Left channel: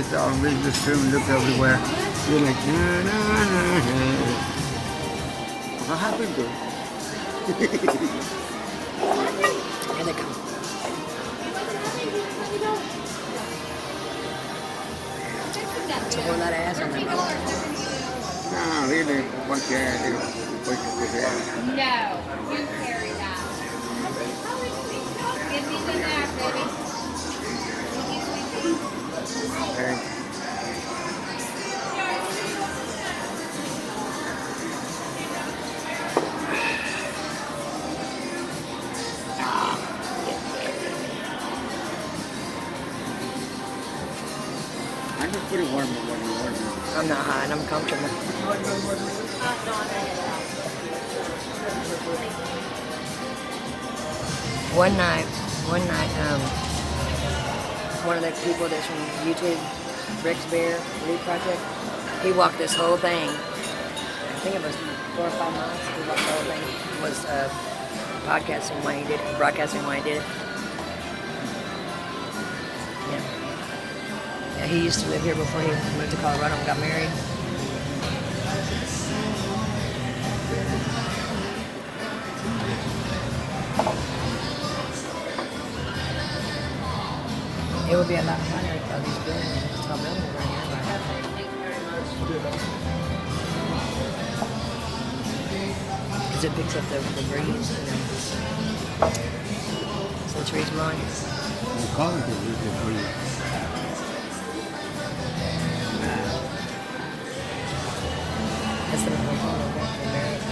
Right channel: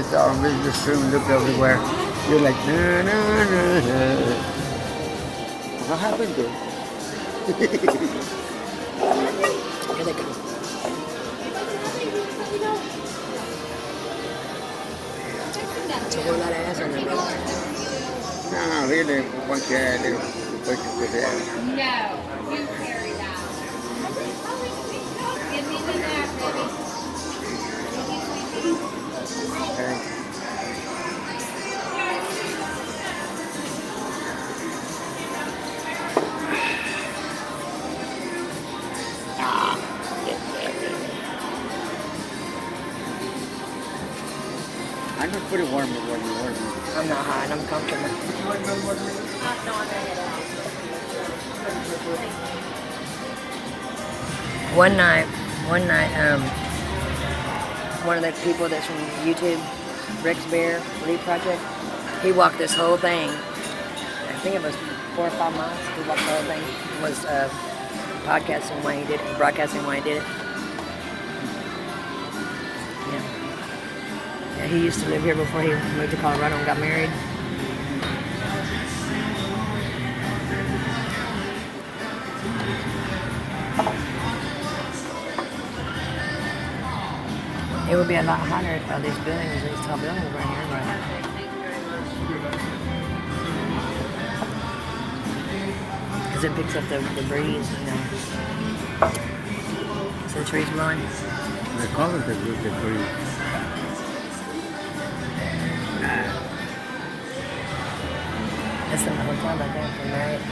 It's all business room, look everywhere. You're like, no, no, no, no. What happened to? Here they come. It's a whole lot of ass on them. No, really, once you add it, put it. No, you carry that. Give me the back, baby. Okay. I'm just pretty warm with what you want. I'm not hot. I'm comfortable. One night, one of the people that's from YouTube, Rick's Bear Lead Project, he walked this whole thing. I think it was 4 or 5 miles. He walked the whole thing. He was podcasting while he did it, broadcasting while he did it. Yeah. Yeah, he used to live here before he moved to Colorado and got married. It would be a lot hotter if all these buildings, these tall buildings right here, because it picks up the breeze, you know. So the trees blowing. I call it the breeze. That's the hotel right there, the Marriott.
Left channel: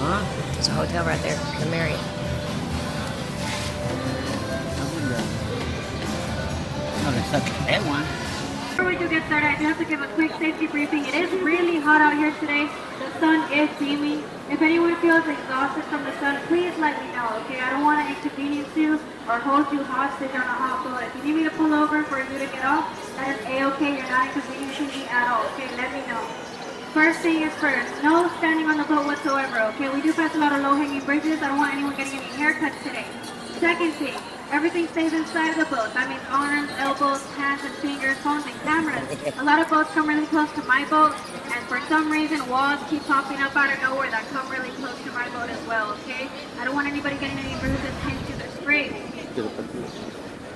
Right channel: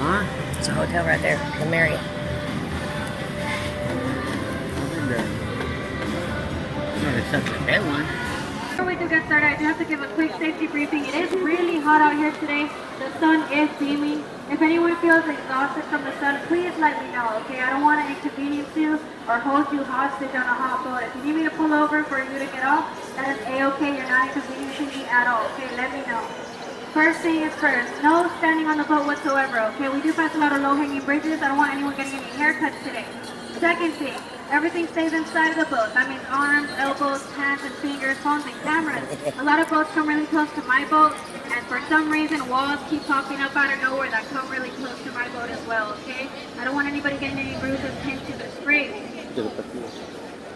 Huh? There's a hotel right there, the Marriott. I've been there. Not exactly that one. Before we do get started, I do have to give a quick safety briefing. It is really hot out here today. The sun is beaming. If anyone feels exhausted from the sun, please let me know, okay? I don't want to inconvenience you or hold you hostage on a hot boat. If you need me to pull over for you to get off, that is A-okay. You're not inconveniencing me at all, okay? Let me know. First thing is first, no standing on the boat whatsoever, okay? We do pass a lot of low-hanging bridges. I don't want anyone getting any haircuts today. Second thing, everything stays inside the boat. That means arms, elbows, hands, and fingers, phones, and cameras. A lot of boats come really close to my boat, and for some reason, walls keep popping up out of nowhere that come really close to my boat as well, okay? I don't want anybody getting any bruises, pinned to the screen.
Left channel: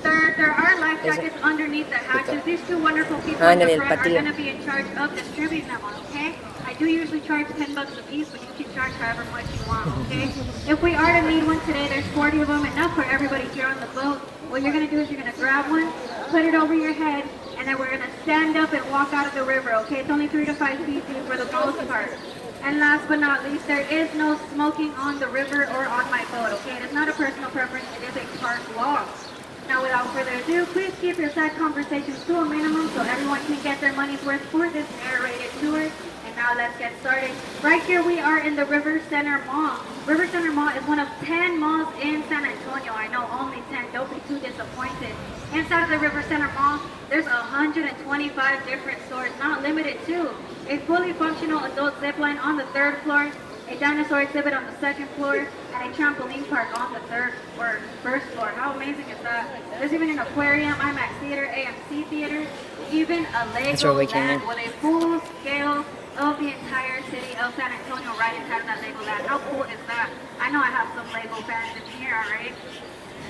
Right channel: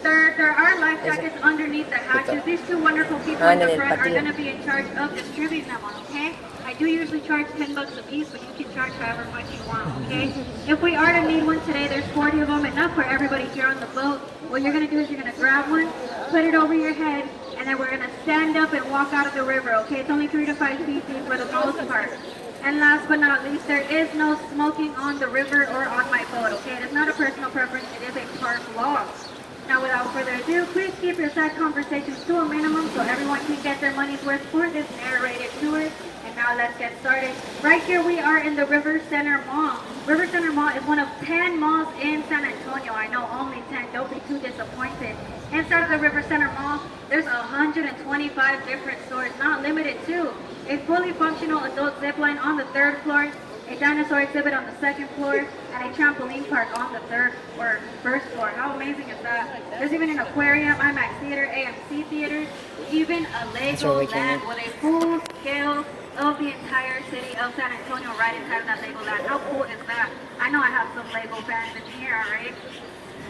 There are life jackets underneath the hatches. These two wonderful people in the front are going to be in charge of distributing them, okay? I do usually charge $10 a piece, but you can charge however much you want, okay? If we are to need one today, there's 40 of them, enough for everybody here on the boat. What you're going to do is you're going to grab one, put it over your head, and then we're going to stand up and walk out of the river, okay? It's only 3 to 5 feet deep for the most part. And last but not least, there is no smoking on the river or on my boat, okay? It is not a personal preference, it is a park law. Now, without further ado, please keep your side conversations to a minimum so everyone can get their money's worth for this narrated tour. And now let's get started. Right here we are in the River Center Mall. River Center Mall is one of 10 malls in San Antonio. I know only 10. Don't be too disappointed. Inside of the River Center Mall, there's 125 different stores, not limited to a fully functional adult zip line on the 3rd floor, a dinosaur exhibit on the 2nd floor, and a trampoline park on the 3rd or 1st floor. How amazing is that? There's even an aquarium, IMAX theater, AMC theater, even a Lego land with a full scale of the entire city of San Antonio right inside that Lego land. How cool is that? I know I have some Lego fans in here, right?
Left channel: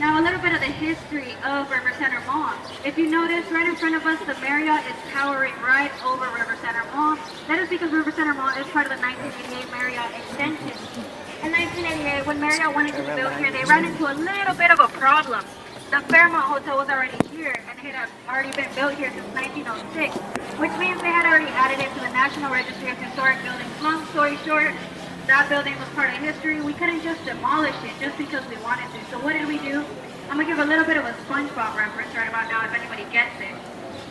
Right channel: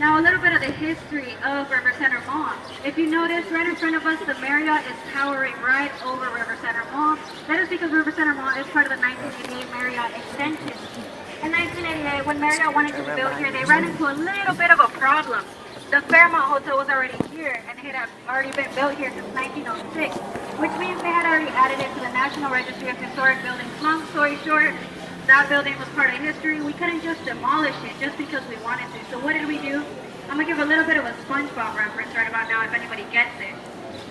Now, a little bit of the history of River Center Mall. If you notice, right in front of us, the Marriott is towering right over River Center Mall. That is because River Center Mall is part of the 1988 Marriott extension. In 1988, when Marriott wanted to build here, they ran into a little bit of a problem. The Fairmont Hotel was already here, and it had already been built here since 1906, which means they had already added it to the National Registry of Historic Buildings. Long story short, that building was part of history. We couldn't just demolish it just because we wanted to. So what did we do? I'm going to give a little bit of a SpongeBob reference right about now if anybody gets it.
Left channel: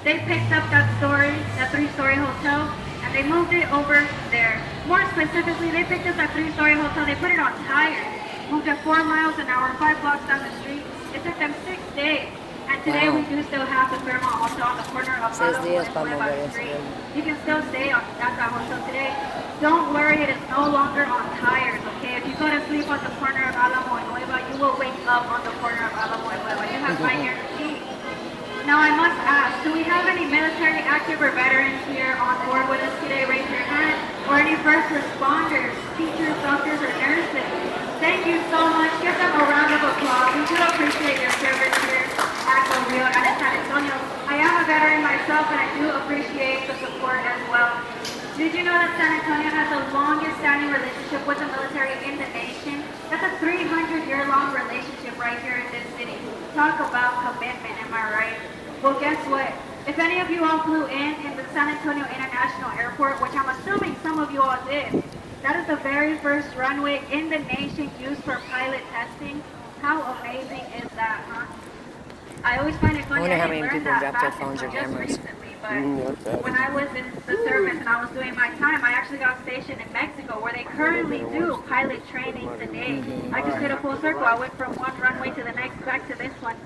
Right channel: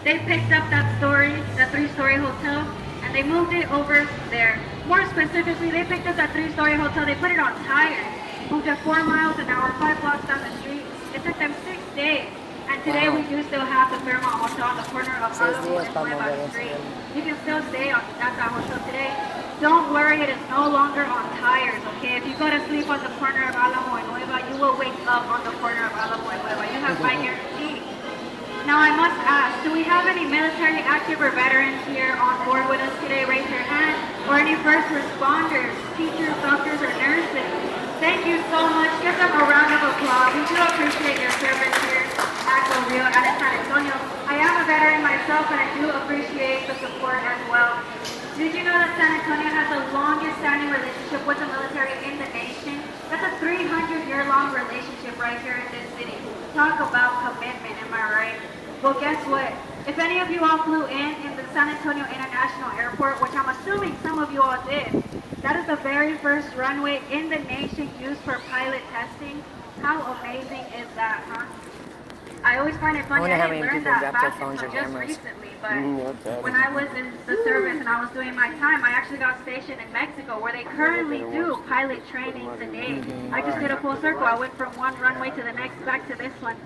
They picked up that 3-story hotel, and they moved it over there. More specifically, they picked up that 3-story hotel, they put it on tires, moved it 4 miles an hour, 5 blocks down the street. It took them 6 days. And today we do still have the Fairmont Hotel on the corner of the street. You can still stay at that hotel today. Don't worry, it is no longer on tires, okay? If you go to sleep on the corner of Alamo and Nueva, you will wake up on the corner of Alamo and Nueva. You have my guarantee. Now I must ask, do we have any military active or veterans here on board with us today? Raise your hand. Or any first responders, teachers, doctors, or nurses? Thank you so much. Give them a round of applause. We do appreciate their service here at Del Rio and at San Antonio. I am a veteran myself, and I do appreciate the support as well. Did you know that San Antonio has the longest standing relationship with the military in the nation? That's a 300-year-long relationship right here in this city. Talk about commitment, am I right? Well, guess what? If any of you all flew in the San Antonio International Airport, which I'm assuming some of you all did, that is the very first runway in the nation used for pilot testing. How amazing is that, huh? I always find it funny. I wonder how I didn't many learn people that drop their fact phones or until just cameras. recently, but when I was in the service and I was doing my time, I actually got stationed in Mexico, where they currently do pilot training today. I just did a full circle. I went from one runway to the next, back to this one.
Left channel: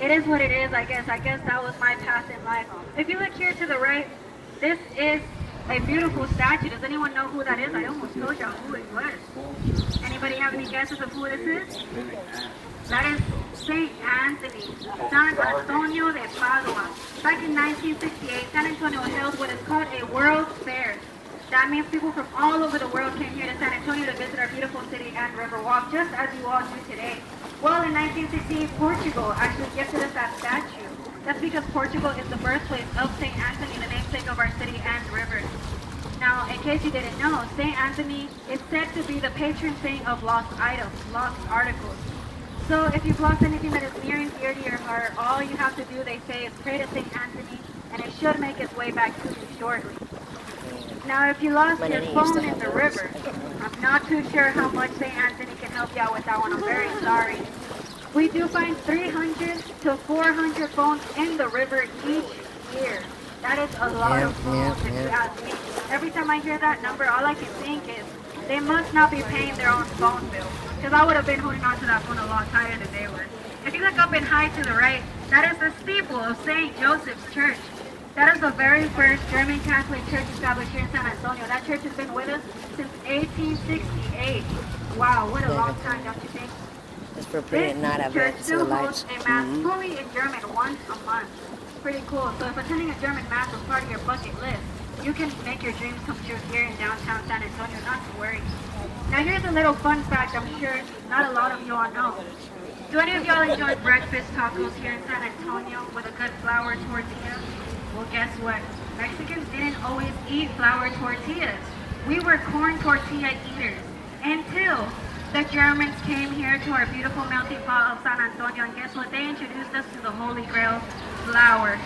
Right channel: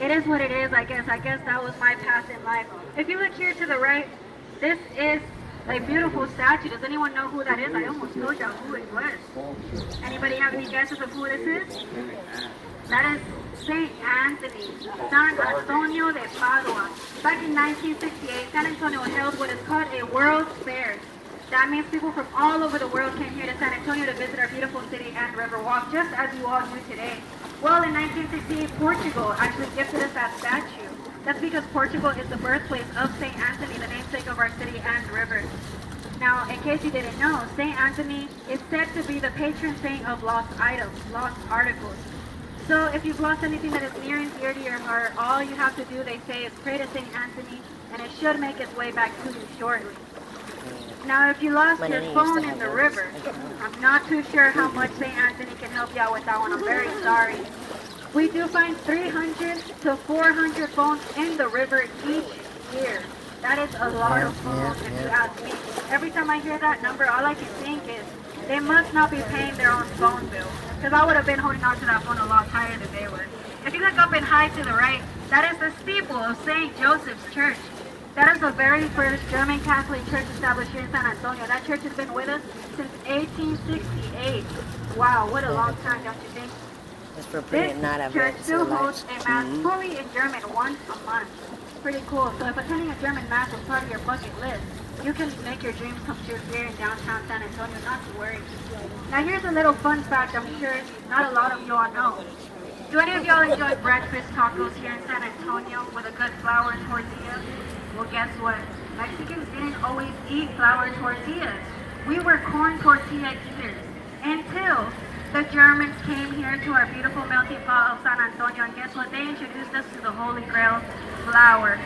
It is what it is, I guess. I guess that was my path in life. If you look here to the right, this is a beautiful statue. Does anyone know who that is? I almost told you who it was. Anybody have any guesses of who this is? That is St. Anthony, San Antonio de Padua. Back in 1968, San Antonio held what is called a World Fair. That means people from all over the world came here to San Antonio to visit our beautiful city and Riverwalk, just as you all do today. Well, in 1968, Portugal actually gifted us that statue. That's because Portugal is the birthplace of St. Anthony, the namesake of our city and river. Now, in case you didn't know, St. Anthony is said to be the patron saint of lost items, lost articles. So if you've lost anything that is near and dear to your heart, all you have to do, they say, is pray to St. Anthony, and it should make its way back to you shortly. Now, if you lost your phone in the river, I'm not too sure how much St. Anthony can help you out with that one. I'm very sorry. We do find 300 to 400 phones in the river each year. That is a lot of phones, if you ask me. Every time I hear that number, all I can think is, they must not be paying their own phone bill, because I would have been holding on to that phone a lot higher than they were. If you look up and high to the right, that is the steeple of St. Joseph's Church. That is the very first German Catholic church established here in San Antonio. That church has been with us since 1868. Wow, what a long time, don't you think? This church still hosts a mass fully in German once a month. Pretty cool. So if attending a German mass was part of your bucket list, you can make your dreams come true here in downtown San Antonio, not to worry. Now here's a little fun fact I'm sure not a lot of you all know. Do any of y'all enjoy breakfast tacos here in San Antonio with a good flour tortilla? Well, guess what? Mexicans didn't always eat flour tortillas. We were corn tortilla eaters until the Germans came here to our beautiful melting pot of San Antonio, and guess what? They introduced us to the Holy Grail, flour.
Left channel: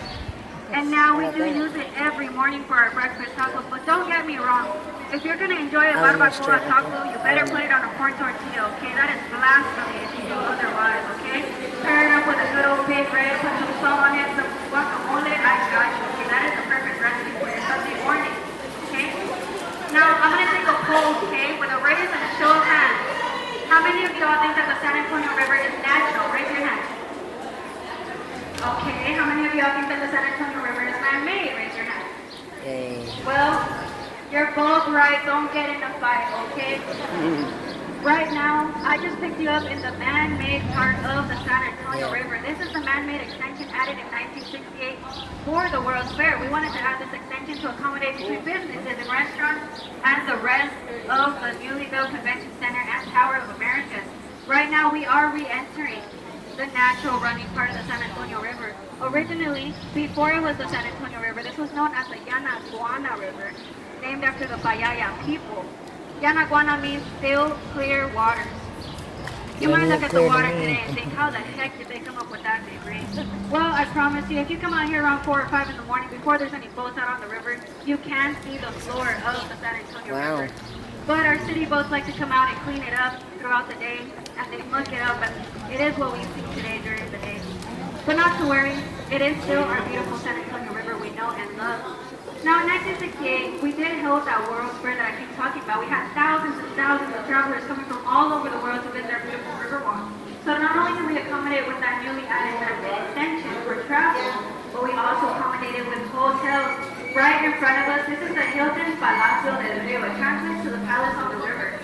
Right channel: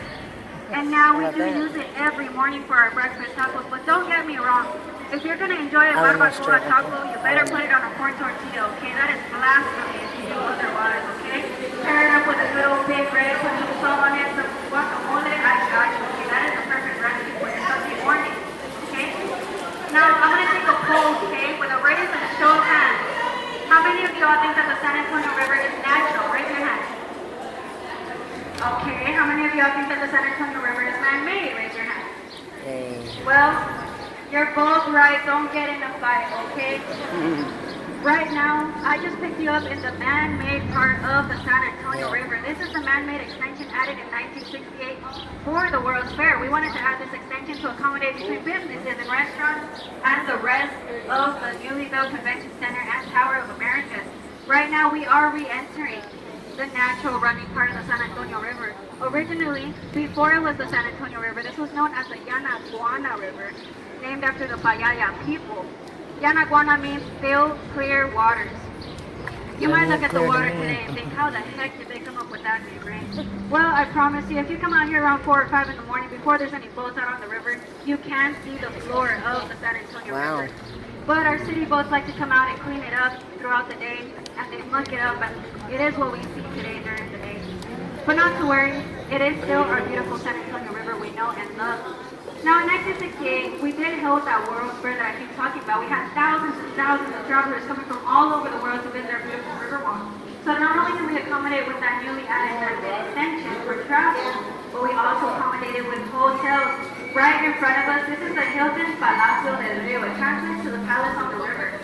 And now we do use it every morning for our breakfast tacos. But don't get me wrong. If you're going to enjoy a barbacoa taco, you better put it on a corn tortilla, okay? That is blasphemy if you do otherwise, okay? Stir it up with a good old big bread, put some salt on it, some guacamole, I got you, okay? That is the perfect recipe for a Sunday morning, okay? Now, I'm going to take a poll, okay, with a raise and a show of hands. How many of y'all think that the San Antonio River is natural? Raise your hand. Okay, how many of y'all think that the San Antonio River is man-made? Raise your hand. Well, you're both right. Don't get in a fight, okay? Right now, I just picked you up in the man-made part of the San Antonio River. This is the man-made extension added in 1968 for the World's Fair. We wanted to add this extension to accommodate between businesses and restaurants and the rest of the newly built convention center and Tower of America. Right now, we are re-entering the natural running part of the San Antonio River. Originally, before it was the San Antonio River, this was known as the Yanaguana River, named after the Payaya people. Yanaguana means still, clear waters. You might look at the water today and think, how the heck did they come up with that name, right? Well, I promise you, if you come out here around 4 or 5 in the morning, before there's any boats out on the river, you can see the floor of the San Antonio River. But our city boats like to come out and clean it up throughout the day, and they muck it up, and it is what we see today during the day. But not to worry, it is still our beautiful San Antonio River we know and love. Now in 1968, we did hold that World's Fair that I keep talking about. We had thousands and thousands of travelers coming from all over the world to visit our beautiful Riverwalk. So not only did we accommodate with that newly added extension for travel, but we also accommodated with hotels. Right in front of us, this is the Hilton Palacio del Rio. It translates to the palace on the river.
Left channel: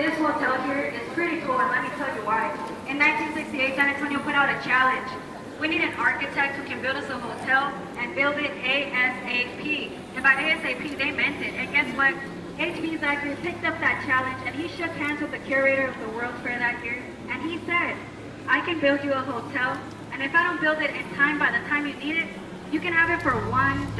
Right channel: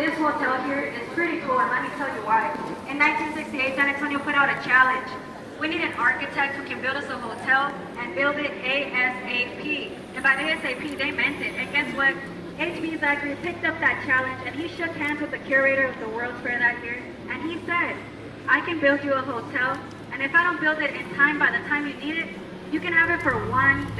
This hotel here is pretty cool, and let me tell you why. In 1968, San Antonio put out a challenge. We need an architect who can build us a hotel and build it ASAP. And by ASAP, they meant it. And guess what? HP Zachary picked up that challenge and he shook hands with the curator of the World's Fair that year. And he said, I can build you a hotel. And if I don't build it in time, by the time you need it, you can have it for $1.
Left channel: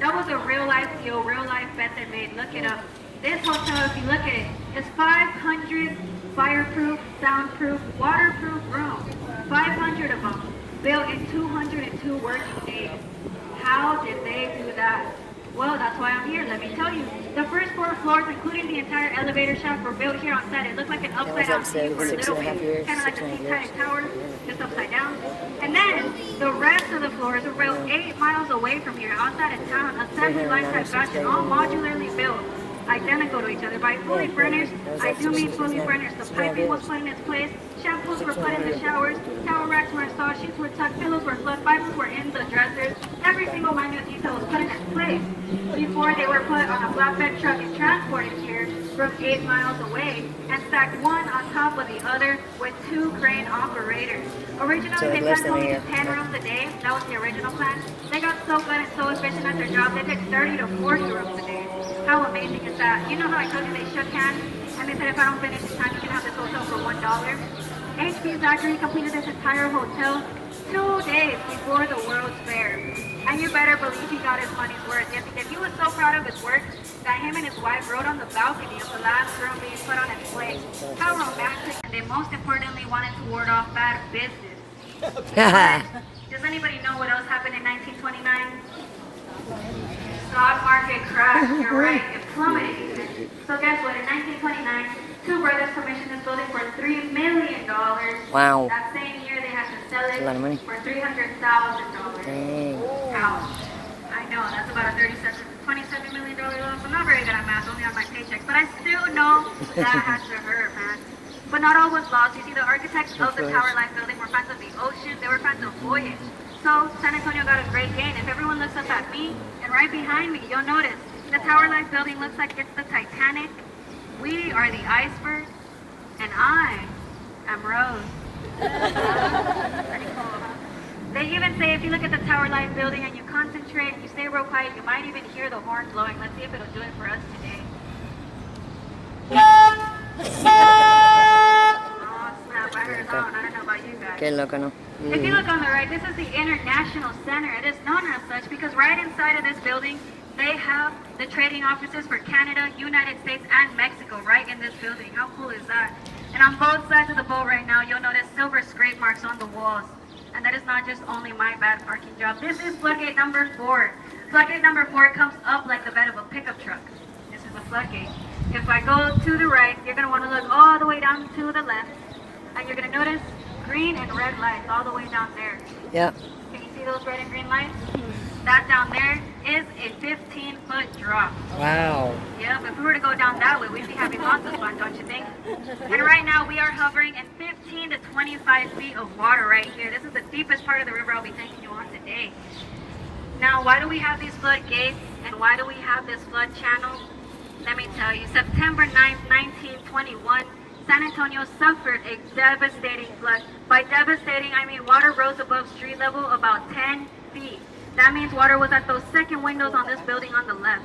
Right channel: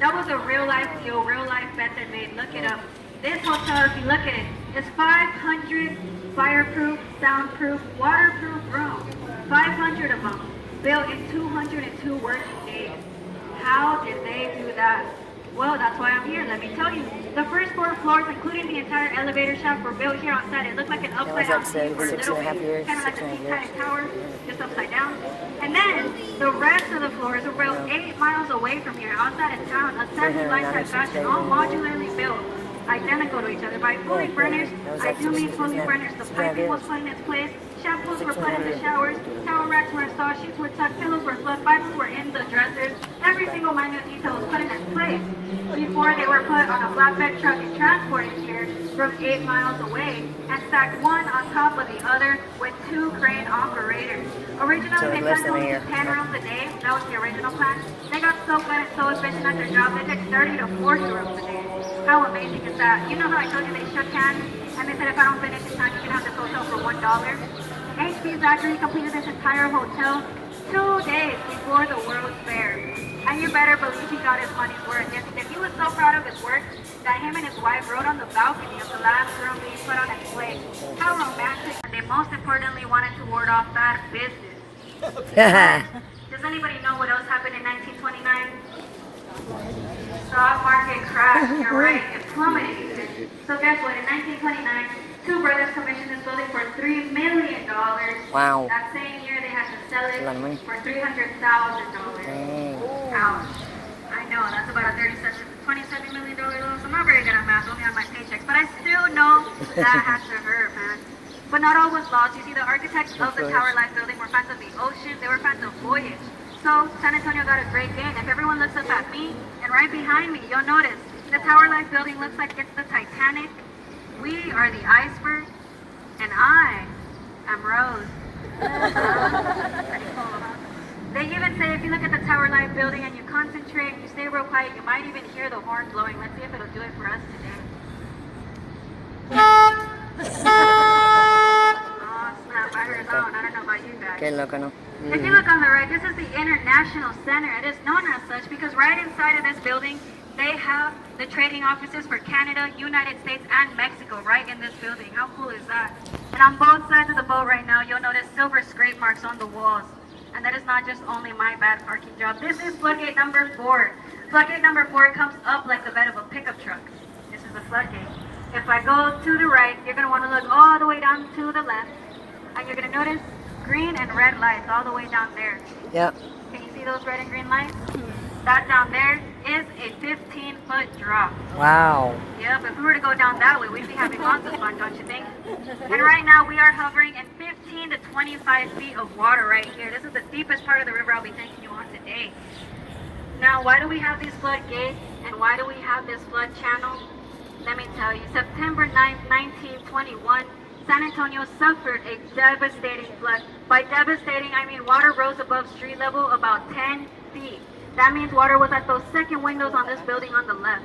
That was a real life deal, real life bet they made. Look it up. This hotel, if you look at it, is 500 fireproof, soundproof, waterproof rooms. 500 of them, built in 202 working days. How did they do that? Well, that's why I'm here. Let me tell you. The first 4 floors, including the entire elevator shaft, were built here on site. It looked like an upside down city for a little bit, kind of like a Seaside Tower, just upside down. And then the rest of the floors were built 8 miles away from here, outside of town, a second lifestyle fashion, all modularly built, identical to each other. By fully furnished, I do mean fully furnished. The piping was put in its place, shampoos were put in the showers, towel racks were installed, sheets were tucked, pillows were fluffed, Bibles were in the dressers. Every single minute detail was put in its place before they were put on a flatbed truck and transported here from 8 miles away and stacked one on top of the other with 2 crane operators. Originally, they planned only 10 rooms a day. That was the original plan. They got so good and so efficient at their job, they took 30 to 40 rooms a day. How amazing is that? You know how I told you they shook hands and they said if I don't finish this time, you can have this hotel for $1? HP Zachary completed this entire hotel 2 days before the World's Fair. And you better believe he got his money's worth. If he was so proud of his work that him and his wife rode on the balcony of the last room being put on its place. How romantic. And they most importantly wanted to ward off bad business. Does anybody know what else happened in 1929? Stock market crashed, right? It plummeted. So guess what? In 1929, 2 brothers commissioned this building for $3 million. Wow. That same year, they had to sell it for $300,000. Ouch. I know, that's about a $27 million loan. I'm not very good at math, only on my paycheck. But I still know that had to hurt, man. But not all was lost. You see, the architects of the Tower Life building were fans of the ocean. They were fans of voyage. So San Antonio got a great gain. If everyone looks up at me and right behind me, you'll notice the Tower Life building looks like it's the Titanic. We are the iceberg, and I am Rose. They even say if you look at the Tower Life building and you concentrate, you stay real quiet, you might even hear the horn blowing. Let's see if it'll do it for us today. Oh snap, I heard his own. I don't know about you guys. Qué loco, ¿no? If you look on the right, this is the International Center. It is known as such because right inside of this building, they have the trading offices for Canada, United States, and Mexico right in this building. How cool is that? And on both sides of the boat right now, you'll notice silver scrape marks on the walls. And that is not just only my bad parking job. This is floodgate number 4. Floodgate number 4 comes up like the bed of a pickup truck. This is a floodgate. If I go to the right, you're going to want to look all the way down to the left. And you're going to notice green and red lights all the way down there. Yeah. Can you see those red and green lights? That down there is a 15-foot drop. Wow. Yeah, but if we were to go down that way, we'd be having lots of fun, don't you think? And right now, we are hovering in 15 to 25 feet of water right here. This is the deepest part of the river I'll be taking you on today. Now, why do we have these floodgates, and why do we have this flood channel? Let me tell you, September 9th, 1921, San Antonio suffered a devastating flood. By devastating, I mean water rose above street level about 10 feet. That means water was at those second windows on this building on the left.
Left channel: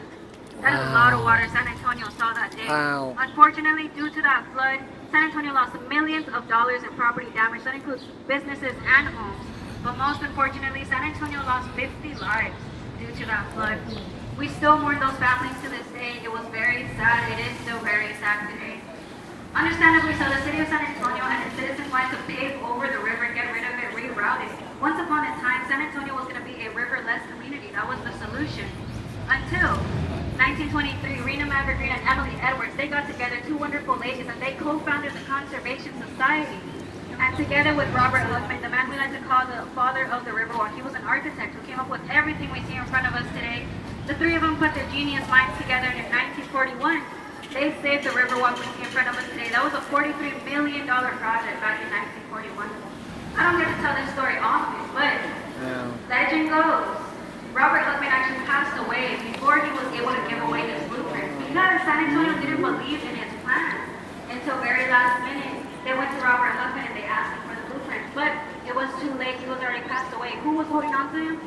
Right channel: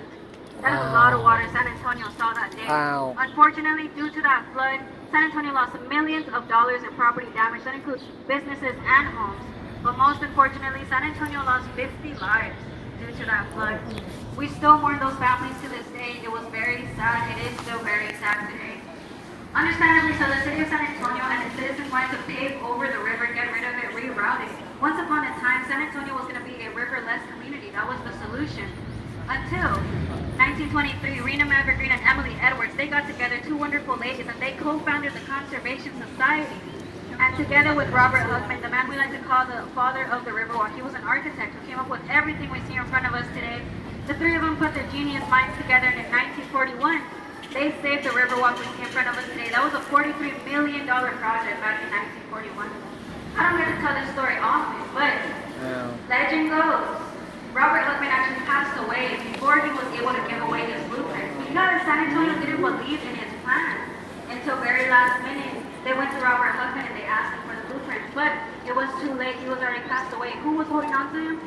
That is a lot of water San Antonio saw that day. Wow. Unfortunately, due to that flood, San Antonio lost millions of dollars in property damage. That includes businesses and homes. But most unfortunately, San Antonio lost 50 lives due to that flood. We still mourn those families to this day. It was very sad. It is still very sad today. Understandably so, the city of San Antonio and its citizens wanted to pave over the river and get rid of it, reroute it. Once upon a time, San Antonio was going to be a riverless community. That was the solution. Until 1923, Rena Maverick Green and Emily Edwards, they got together, 2 wonderful ladies, and they co-founded the Conservation Society. And together with Robert Luckman, the man we like to call the father of the Riverwalk, he was an architect who came up with everything we see in front of us today. The 3 of them put their genius minds together, and in 1941, they saved the Riverwalk in front of us today. That was a $43 million project back in 1941. I don't get to tell this story often, but legend goes, Robert Luckman actually passed away before he was able to give away this blueprint. Because San Antonio didn't believe in his plan until very last minute. They went to Robert Luckman and they asked him for the blueprint, but it was too late. He was already passed. away. Who was holding on to him?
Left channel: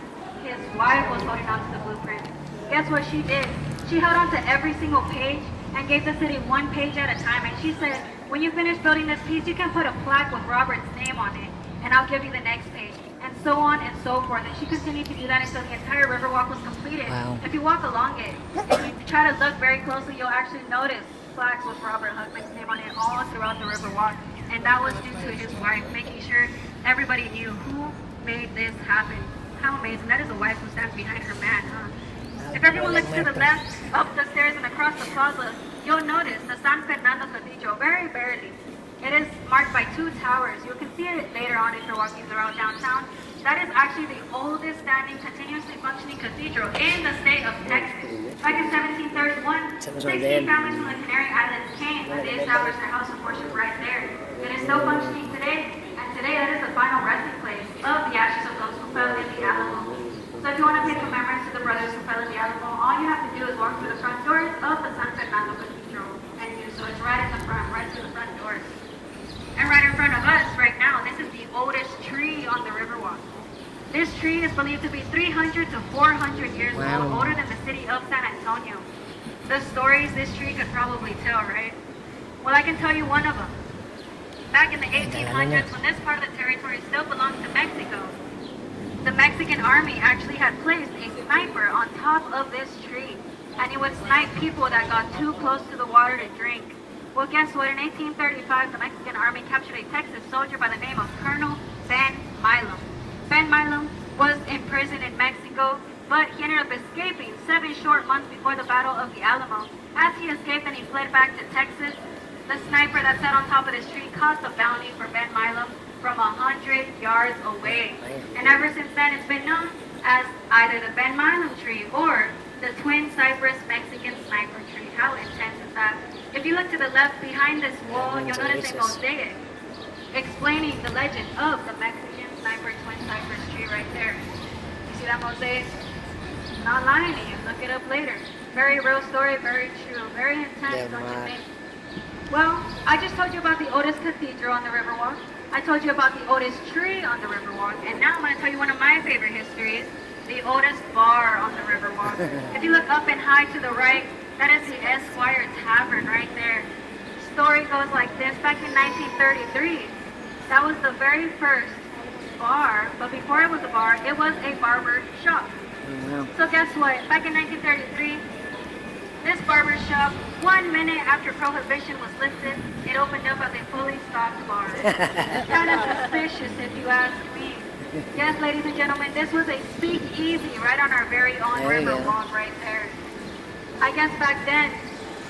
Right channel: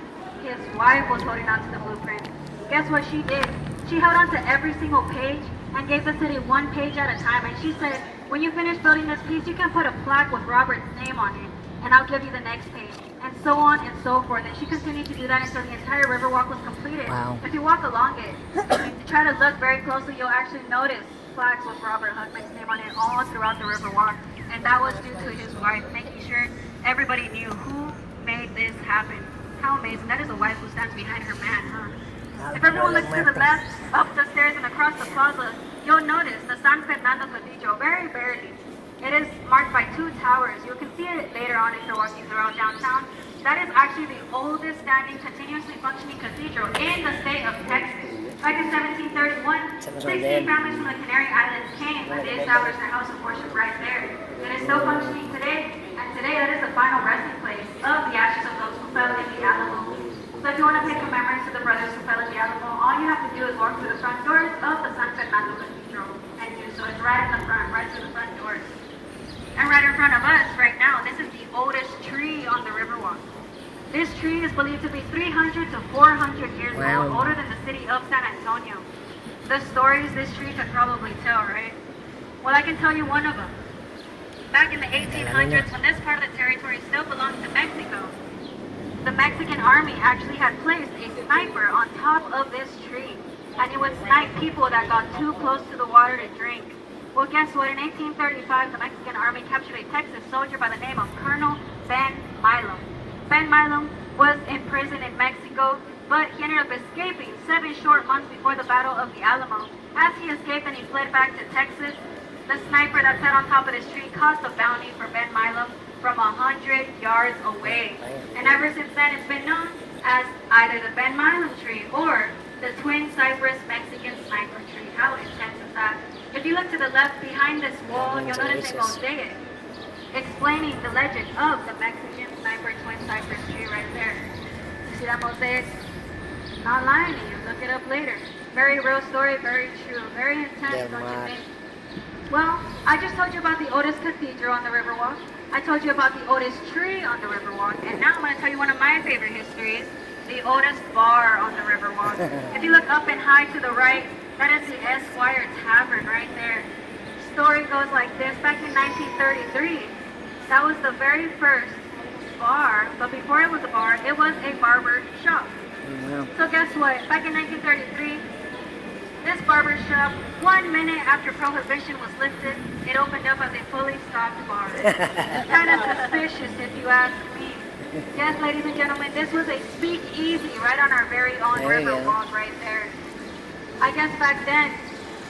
His wife was holding on to the blueprint. Guess what she did? She held on to every single page and gave the city one page at a time. And she said, when you finish building this piece, you can put a plaque with Robert's name on it, and I'll give you the next page. And so on and so forth. And she continued to do that until the entire Riverwalk was completed. Wow. If you walk along it, and you try to look very closely, you'll actually notice plaques with Robert Hugman's name on it all throughout the Riverwalk. And that was due to his wife, making sure everybody knew who made this happen. How amazing. That is a wife who stands behind her man, huh? If everyone looks to the left, up the stairs, and across the plaza, you'll notice the San Fernando Cathedral very barely. It is marked by two towers. You can see it later on if you're walking throughout downtown. That is actually the oldest standing, continuously functioning cathedral in the state of Texas. Back in 1731, 16 families from the Canary Islands came and they established their house of worship right there. It is still functioning today, and today that is the final resting place of the ashes of those who fell in the Alamo. So if you want to pay remembrance to the brothers who fell in the Alamo, all you have to do is walk through the front doors of the San Fernando Cathedral. And you do so. It's right in the front, right through the front doors. And right in front of us right now, this is the oldest tree on the Riverwalk. This tree is believed to be 300 to 400 years old, older than the city of San Antonio. The stories this tree could probably tell, right? Well, I can tell you one of them. Back in the 1800s, when this part of the territory still belonged to Mexico, the Mexican army actually had placed a sniper on top of this tree, and it would snipe people that got too close to the water to drink. Well, guess what? In 1835, the Mexican army captured a Texas soldier by the name of Colonel Ben Milam. Ben Milam was in prison in Mexico, but he ended up escaping 7 short months before the Battle of the Alamo. As he escaped and he fled back to Texas, the sniper that sat on top of this tree caused a bounty for Ben Milam from 100 yards away. And ever since then, it's been known as either the Ben Milam tree or the Twin Cypress Mexican Sniper tree. How intense is that? If you look to the left behind this wall, you'll notice a mosaic explaining the legend of the Mexican Sniper Twin Cypress tree right there. You see that mosaic? Not lying to you. Look it up later. Very real story, very true, very intense, don't you think? Well, I just told you about the oldest cathedral on the Riverwalk. I told you about the oldest tree on the Riverwalk, and now I'm going to tell you one of my favorite histories, the oldest bar on the Riverwalk. If you look up and high to the right, that is the Esquire Tavern right there. Story goes like this. Back in 1933, that was the very first bar, but before it was a bar, it was a barber shop. So guess what? Back in 1933, this barber shop, 1 minute after Prohibition was lifted, it opened up as a fully stocked bar. Kind of suspicious if you ask me. Yes, ladies and gentlemen, this was a speakeasy right on our very own Riverwalk right there. I guess back then,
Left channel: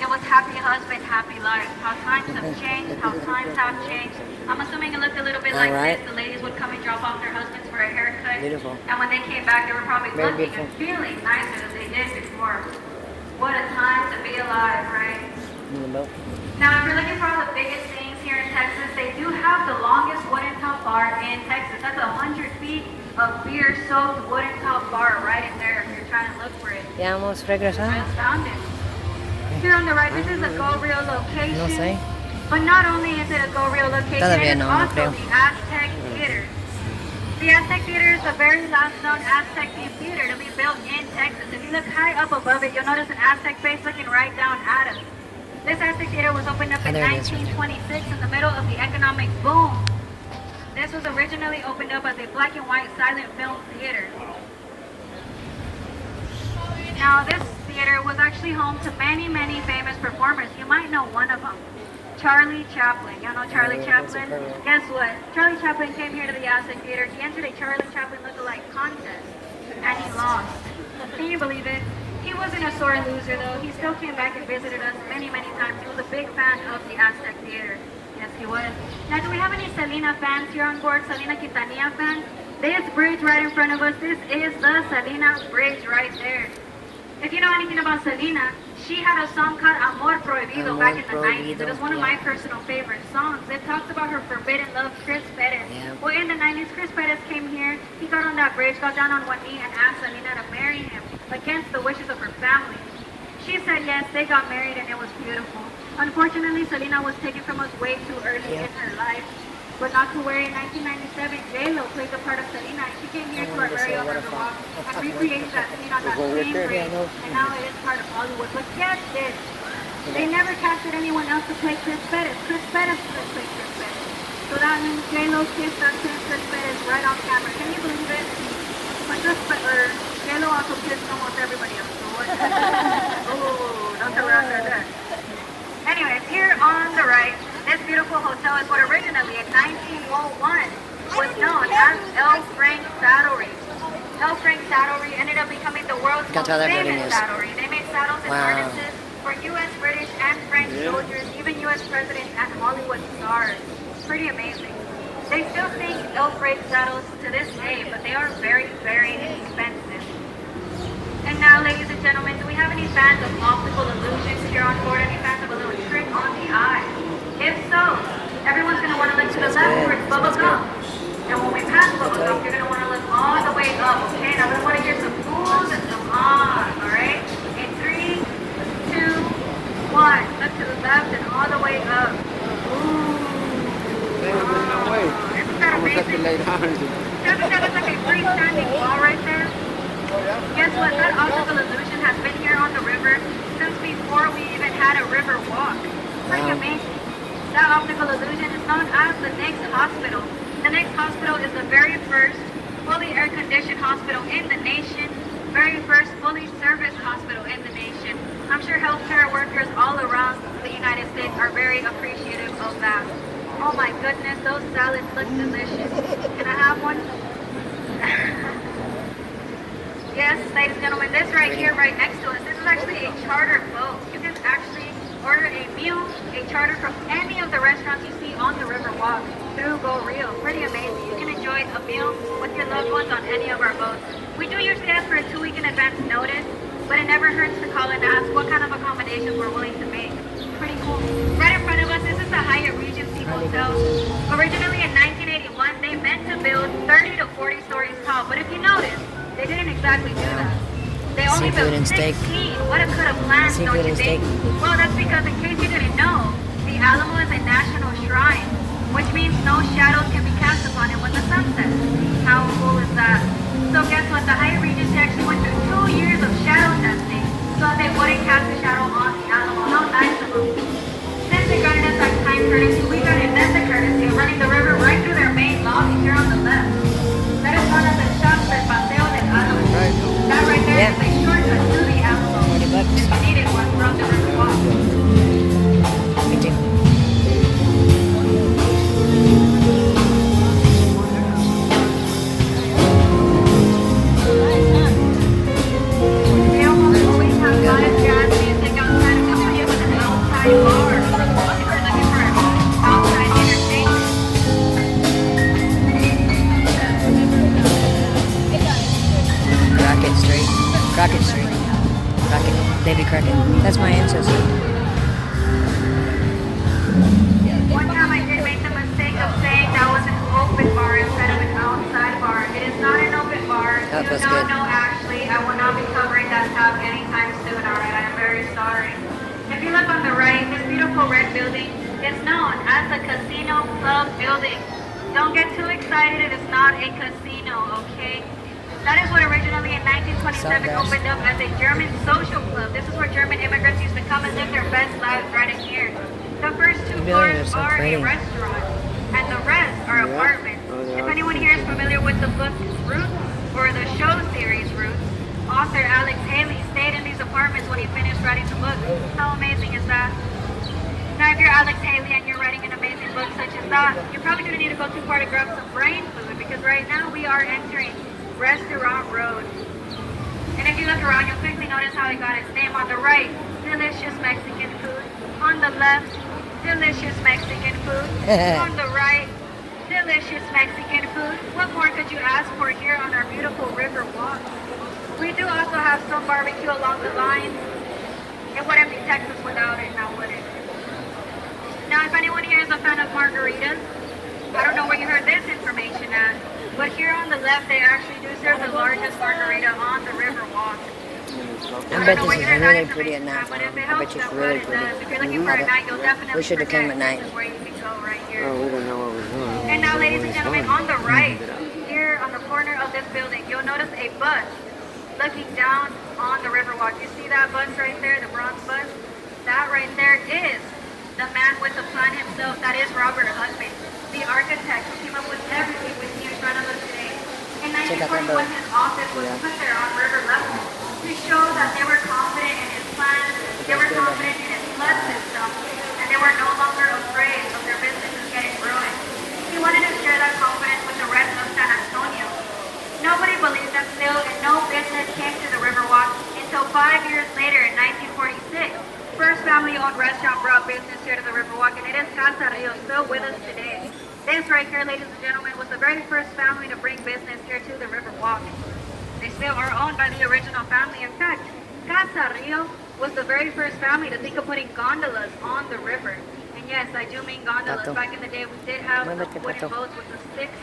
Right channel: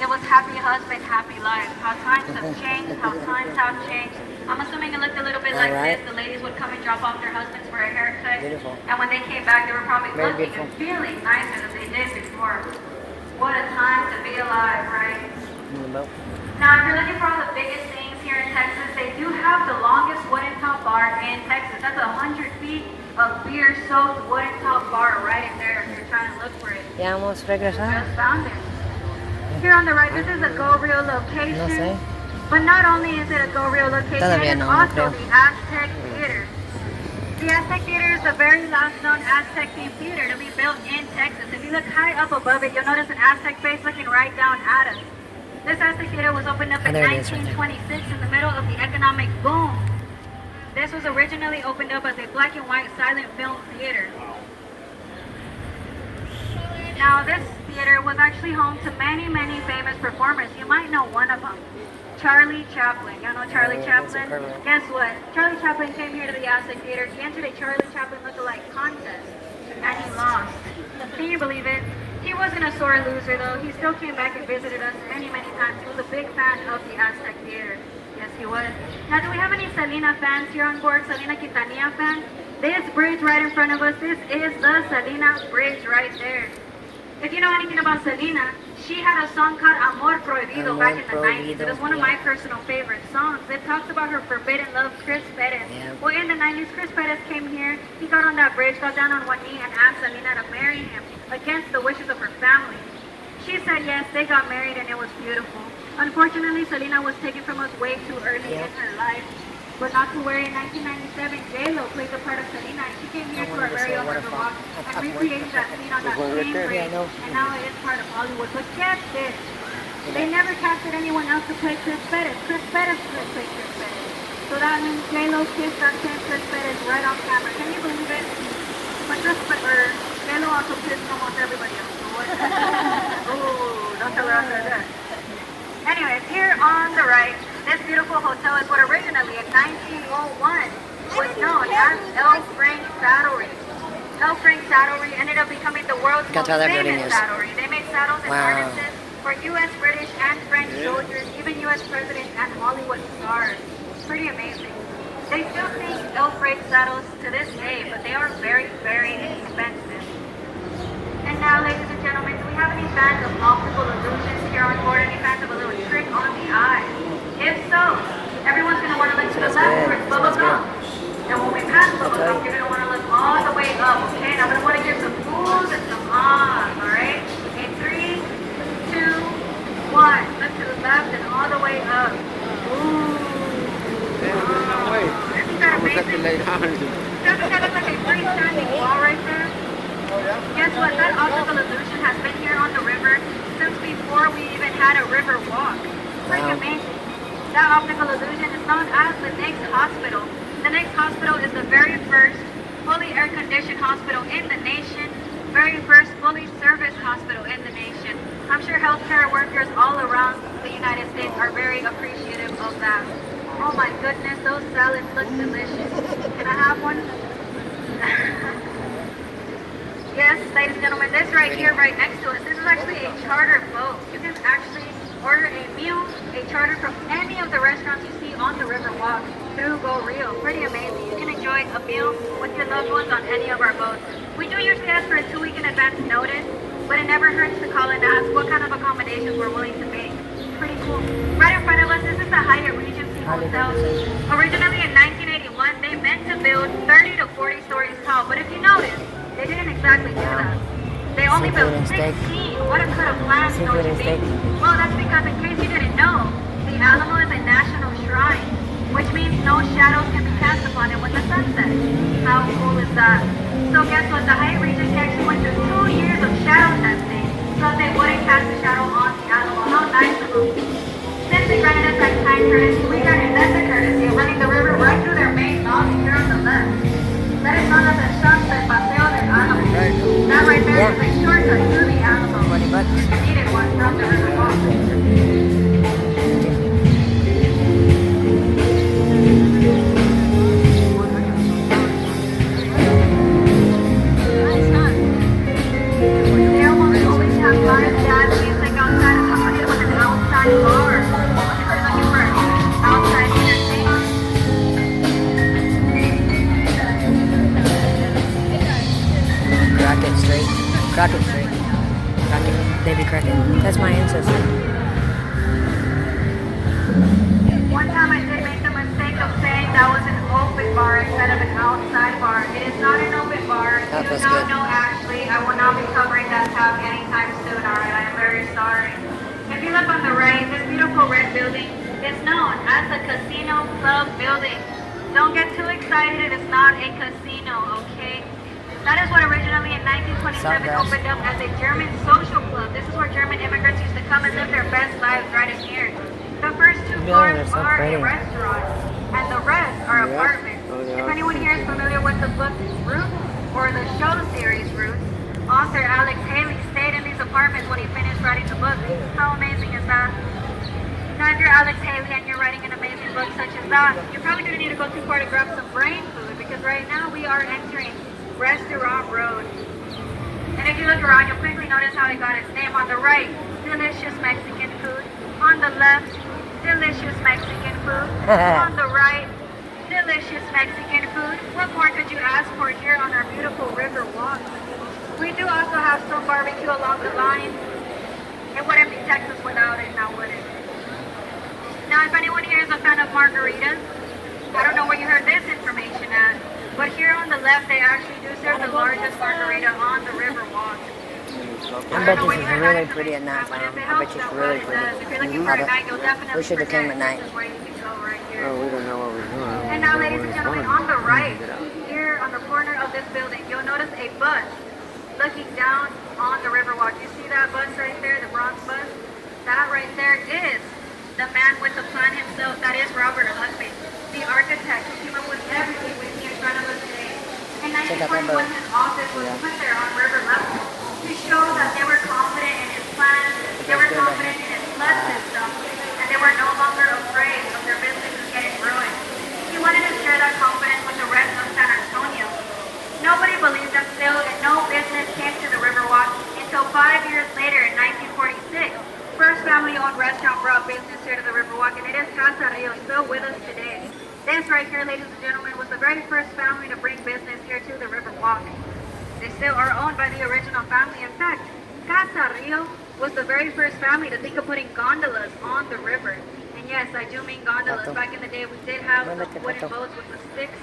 it was happy husband, happy life. How times have changed, how times have changed. I'm assuming it looked a little bit like this. The ladies would come and drop off their husbands for a haircut. Beautiful. And when they came back, they were probably looking and feeling nicer than they did before. What a time to be alive, right? Now, if you're looking for all the biggest things here in Texas, they do have the longest wooden top bar in Texas. That's 100 feet of beer-soaked wooden top bar right there. If you're trying to look for it. Ya hemos regresado. Just found it. Here on the right, this is a Go Real location. No sé. But not only is it a Go Real location, Todavía it is no, also creo. the Aztec Theater. The Aztec Theater is the very last known Aztec theater to be built in Texas. If you look high up above it, you'll notice an Aztec face looking right down at us. This Aztec Theater was opened up in 1926 in the middle of the economic boom. This was originally opened up as a black and white silent film theater. Now, this theater was actually home to many, many famous performers. You might know one of them, Charlie Chaplin. Y'all know Charlie Chaplin? Guess what? Charlie Chaplin came here to the Aztec Theater. He entered a Charlie Chaplin lookalike contest, and he lost. Can you believe it? He wasn't a sore loser, though. He still came back and visited us many, many times. He was a big fan of the Aztec Theater. Yes, he was. Now, do we have any Selena fans here on board? Selena Quintanilla fans? This bridge right in front of us, this is the Selena Bridge right there. If you know anything about Selena, she had a song called Amor Prohibido back in the 90s. It was one of my personal favorite songs. It talks about her forbidden love, Chris Perez. Well, in the 90s, Chris Perez came here. He got on that bridge, got down on one knee, and asked Selena to marry him against the wishes of her family. She said yes, they got married, and it was beautiful. Unfortunately, Selena was taken from us way too early in her life. but not to worry. In 1997, J-Lo played the part of Selena, and she came here to our area of Riverwalk and recreated that scene on that same there? bridge, Yeah, I know. and now it is part of Hollywood. But get this, they never casted anyone else to play Chris Pettis. Chris Pettis played Chris Pettis. So that means J-Lo kissed that Chris Pettis right off camera. Can you believe it? But J-Lo also kissed almost everybody else. Oh, don't tell her out there. Anyways, here on the right, this beautiful hotel is what originally in 1901 was known as El Frank Saddlery. El Frank Saddlery ended up becoming the world's most famous saddlery. They made saddles and harnesses for U.S., British, and French soldiers, even U.S. presidents and Hollywood stars. Pretty amazing. They still make El Frank saddles to this day, but they are very, very expensive. And now, ladies and gentlemen, do we have any fans of optical illusions here on board? Any fans of a little trick on the eye? If so, everyone's going to want to look to the left where it's bubble gum. And when we pass bubble gum, you're going to want to look all the way up, okay? Now, we want to get some pulls and some ahs, all right? In 3, 2, 1. Look to the left and all the way up. Ooh. Isn't that amazing? Doesn't that look like a green shining ball right there? Guess what? That optical illusion has been here on the river since before we even had a river walk. Pretty amazing. That optical illusion is known as the Next Hospital. The Next Hospital is the very first fully air-conditioned hospital in the nation, very first fully serviced hospital in the nation. I'm sure healthcare workers all around the United States are very appreciative of that. Oh my goodness, those salads look delicious. Can I have one? Yes, ladies and gentlemen, this right here, right next to us, this is actually a charter boat. You can actually order a meal, a charter from any of the restaurants you see on the Riverwalk through Go Rio. Pretty amazing. You can enjoy a meal with your loved ones on any of our boats. We do usually ask for a 2-week in advance notice, but it never hurts to call and ask what kind of accommodations we're willing to make. Pretty cool. Right in front of us, this is the Hyatt Regency Hotel. Originally in 1981, they meant to build 30 to 40 stories tall, but if you notice, they didn't exactly do that. They only built 16. What a cut of land, don't you think? Well, that's because in case you didn't know, the Alamo is a national shrine, which means no shadows can be cast upon it when the sun sets. How cool is that? So guess what? The Hyatt Regency actually went through 2 years of shadow testing so they wouldn't cast a shadow on the Alamo. How nice of them. Since they granted us that kind courtesy, we got investor courtesy of running the river right through their main lobby here on the left. That is one of the shops that Paseo del Alamo. That right there is a shortcut to the Alamo. $20. If you needed one from the Riverwalk. Thank you. They almost always have live jazz music outside accompanied with an outside bar. If you're looking for outside entertainment. Crockett Street. Crockett Street. Crockett. Baby Crockett. That's my ancestor. One time I did make the mistake of saying that was an open bar instead of an outside bar. It is not an open bar. That feels No, good. no, actually, I will not be covering that tab anytime soon, alright? I am very sorry. If you look on the right, this beautiful red building is known as the Casino Club Building. Don't get too excited, it is not a casino, okay? That is what originally in 1927 opened up as a German social club. This is where German immigrants used to come and live their best lives right in here. The first 2 floors are a restaurant, and the rest are apartments. If anyone here is familiar with the book Roots, or the show series Roots, author Alex Haley stayed in these apartments when he finished writing the book. How amazing is that? Now, if you're Alex Haley and you're writing an amazing book such as that, you probably didn't need to go too far to grab some brain food, because right now we are entering Restaurant Road. And if you look around, you'll quickly notice how it got its name. On the right, delicious Mexican food. On the left, delicious Mexican food. On the right, delicious Mexican food. What more could you ask for here on our beautiful river walk? We do also have some barbecue along the line. It wouldn't be Texas without it, now would it? Now, if anyone here is a fan of margaritas, I don't know where you heard this information at, but here on the left, they actually do serve the largest margarita on the river walk. I bet this is really pretty at night time. I bet you it's really pretty. If you're looking for a night, you'll definitely We should have came at night. This is where you can go right here. Oh, we don't know what we're doing. And now, ladies and We're gentlemen, going. on the right, here on the corner of this building, you'll notice a bus looking down on the Riverwalk. You see that bus right there, the bronze bus? That right there is the man with the plan himself. That is Robert Husband, the architect who came up with everything we see in front of us today. In 1941, his office was put there on river level to show that they were confident in his plan, they were confident in his flood system, and they were no longer afraid of their businesses getting ruined. He wanted to share that confidence with the rest of San Antonio. Nobody believed that still, and no business came to the Riverwalk until 5 years later in 1946. First family-owned restaurant brought business here to the Riverwalk, and it is Casa Rio, still with us today. This right here, ladies and gentlemen, was the very first family to bring business here to the Riverwalk. They still are owned by the original family. In fact, Casa Rio was the very first family to think of putting gondolas on the river. And yes, I do mean gondolas. Back in the day, we did have wooden boats with the sticks,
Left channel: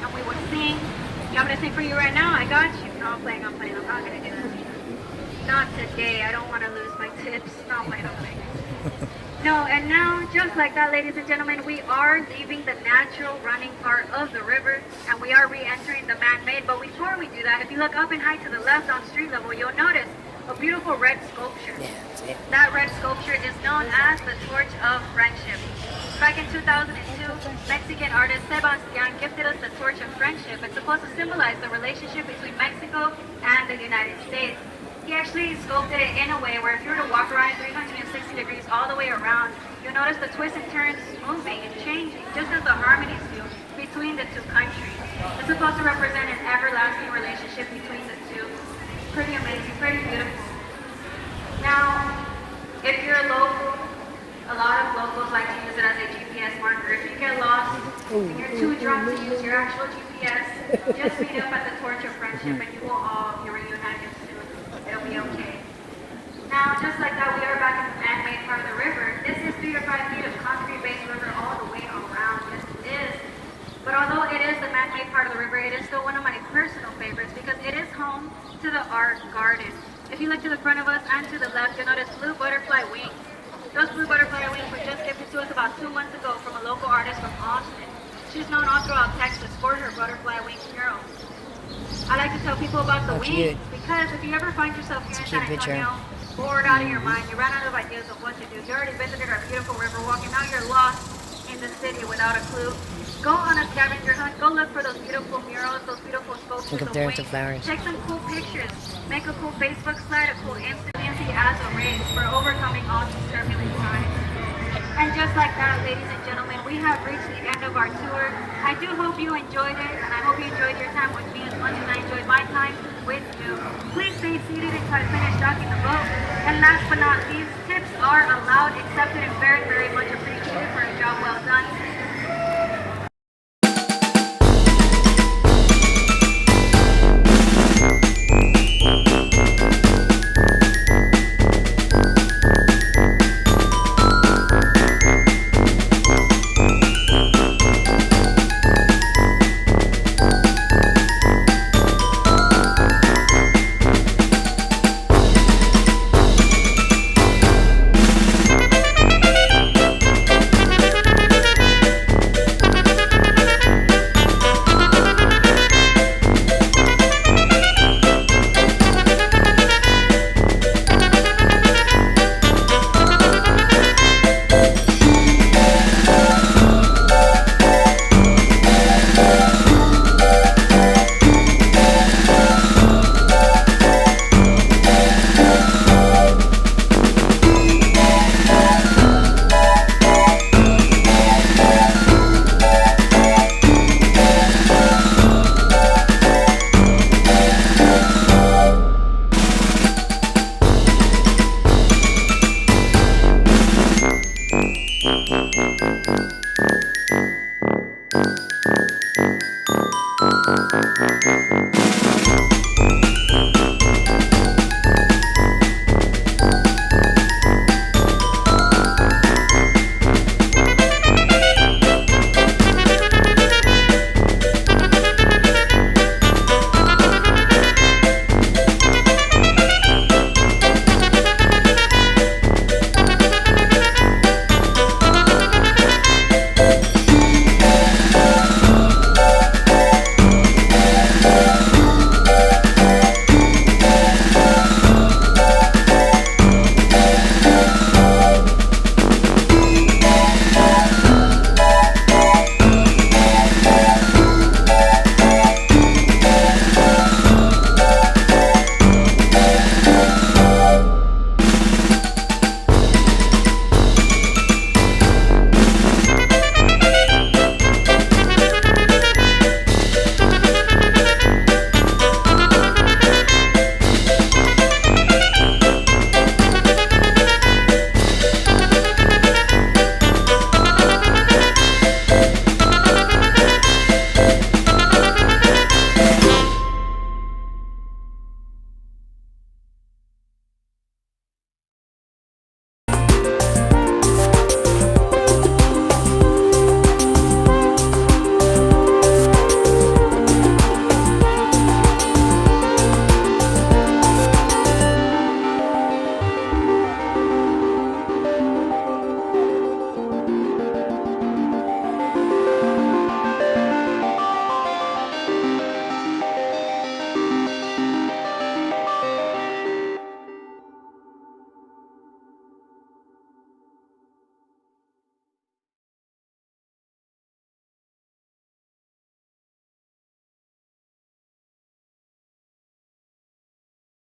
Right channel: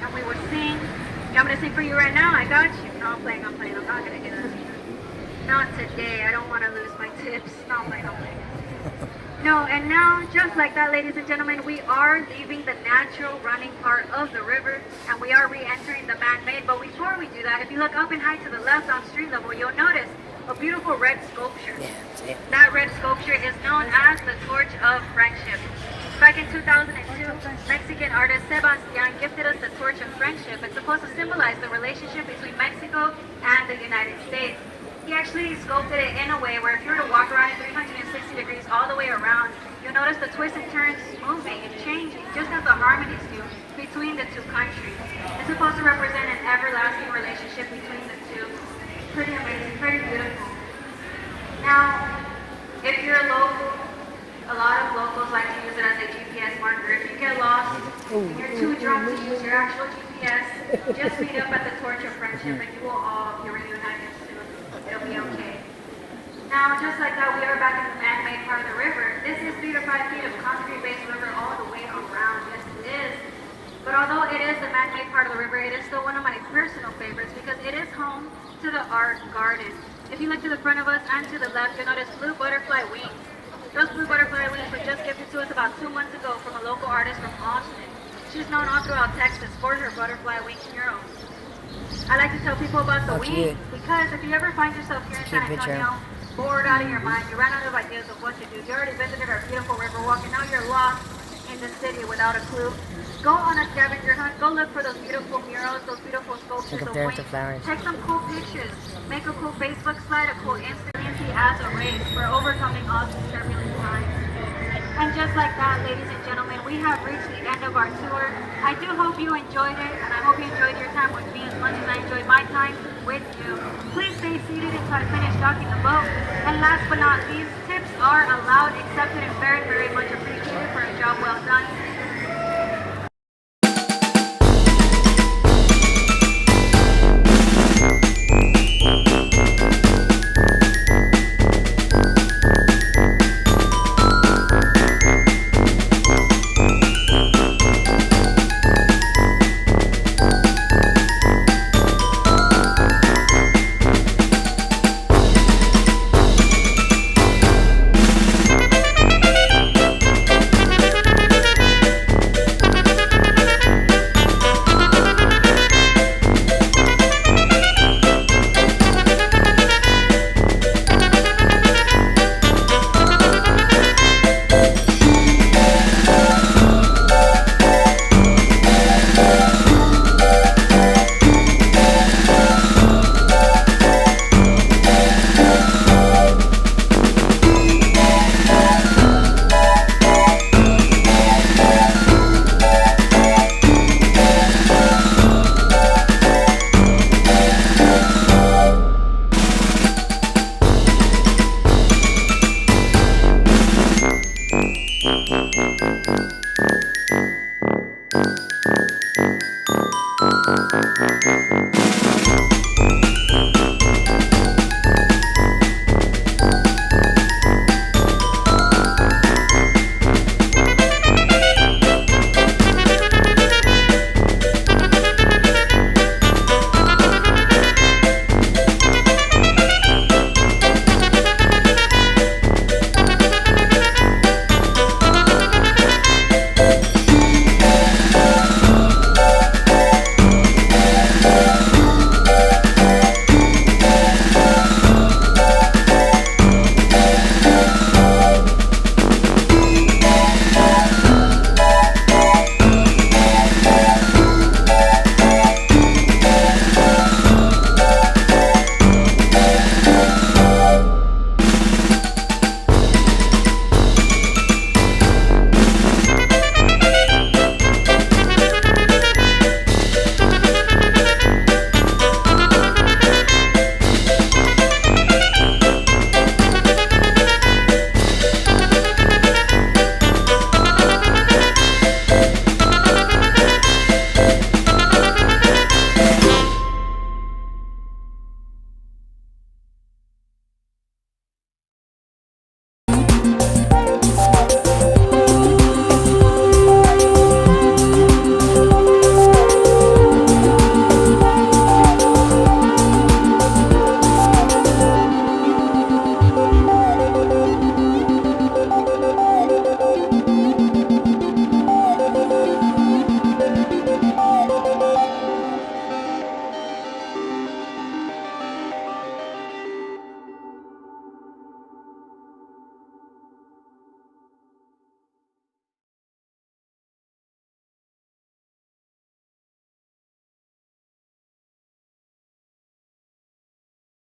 and we were seeing. You want me to sing for you right now? I got you. No, I'm playing. I'm not going to do that. Not today. I don't want to lose my tips. No, I'm playing. No, and now, just like that, ladies and gentlemen, we are leaving the natural running part of the river, and we are re-entering the man-made. But before we do that, if you look up and high to the left on street level, you'll notice a beautiful red sculpture. That red sculpture is known as the Torch of Friendship. Back in 2002, Mexican artist Sebastian gifted us the Torch of Friendship. It's supposed to symbolize the relationship between Mexico and the United States. He actually sculpted it in a way where if you were to walk around at 360 degrees all the way around, you'll notice the twists and turns moving and changing, just as the harmonies do between the two countries. It's supposed to represent an everlasting relationship between the two. Pretty amazing, pretty beautiful. Now, if you're local, a lot of locals like to use it as a GPS marker. If you get lost and you're too drunk to use your actual GPS, just meet up at the Torch of Friendship and you will all be reunited. It'll be okay. Now, just like that, we are back in the man-made part of the river. This is 3 to 5 feet of concrete-based river all the way around. Yes, it is. But although it is the man-made part of the river, it is still one of my personal favorites because it is home to the art garden. If you look to the front of us and to the left, you'll notice blue butterfly wings. Those blue butterfly wings were just gifted to us about 2 months ago from a local artist from Austin. She's known all throughout Texas for her butterfly wing murals. I like to tell people about the wings because if you ever find yourself here in San Antonio, bored out of your mind, you ran out of ideas of what to do, you already visited our beautiful Riverwalk and now you're lost in the city without a clue, go on a scavenger hunt, go look for those beautiful murals, those beautiful sculptures of wings, take some cool pictures, make a cool Facebook slide, a cool Instagram as a race for overcoming awesome turbulent times. And just like that, ladies and gentlemen, we have reached the end of our tour. I do hope you enjoyed it, and I hope you enjoyed your time with me as much as I enjoyed my time with you. Please stay seated until I finish docking the boat. And last but not least, tips are allowed, accepted, and very, very much appreciated for a job well done.